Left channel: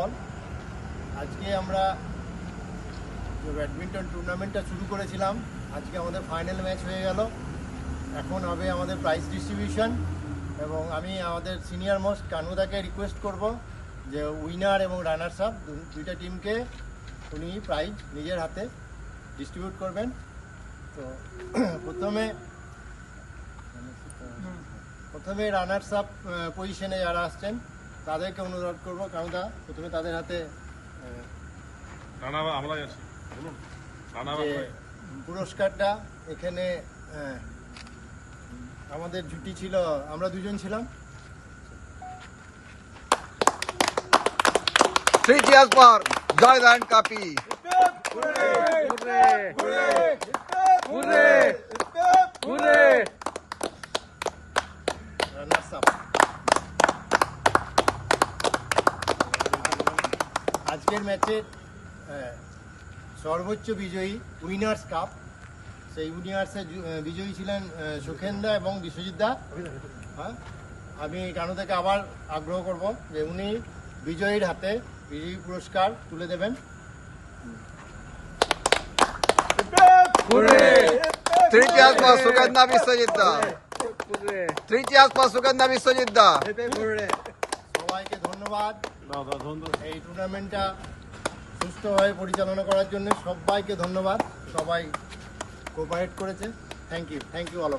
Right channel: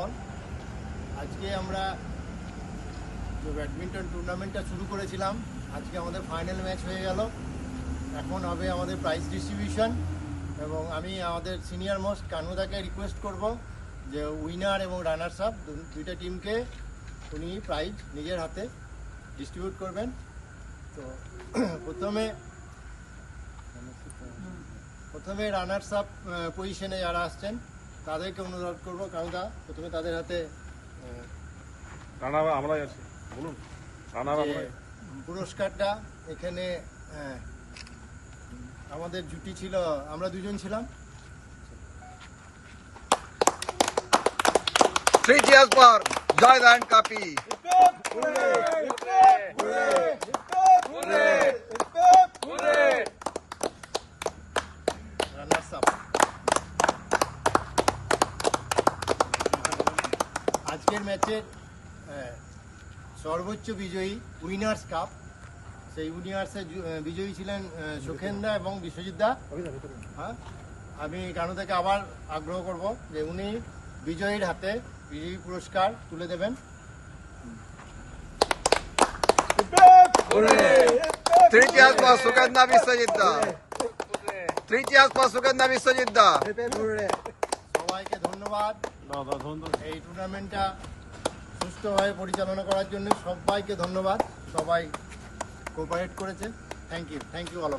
All, আজকে আমরা যে ব্যাডমিন্টন টুর্নামেন্টটা শুরু করেছিলাম, আজকে আমাদের ফাইনাল ম্যাচ হয়ে গেল। এখন হবে আমাদের প্রাইজ ডিস্ট্রিবিউশন, এবং আমি আমাদের সিনিয়র মোস্ট কানুদাকে রিকোয়েস্ট করব যে উইনার এবং রানার্স আপ দুইটা টিমকে উনি প্রাইজ নিজের হাতে ডিস্ট্রিবিউট করবেন। তো প্রথমে রানার্স আপ পজিশনে যারা আসছেন তাদেরকে অনুরোধ করব, কানুদা প্রথমে তাদের হাতে যে পুরস্কারটা, এখানে আমাদের জুটি ছিল, আমরা দুজন ছিলাম। 3 cheers for Joyland Kapi. Runners up আজকের ম্যাচের সর্বোচ্চ বিজয়ী উইনার্স কাপ, সেই উইনার্সের বিজয়ী ছিলেন সুখেন্দা এবং বিশ্বজিৎ দা। হ্যাঁ, আমি কানুদাকে আবার আগ্রহ করব যে উনি বিজয়ীর হাতে বিজয়ী পুরস্কার তুলে দেবেন। 3 cheers for Sugandha Biswajit da. 3 cheers for Sugandha Biswajit da. সবাইকে ধন্যবাদ এই টুর্নামেন্টটা সুস্থভাবে পরিচালনা করার জন্য। সবাইকে ধন্যবাদ, সবাই কোঅপারেট করেছে। Thank you all.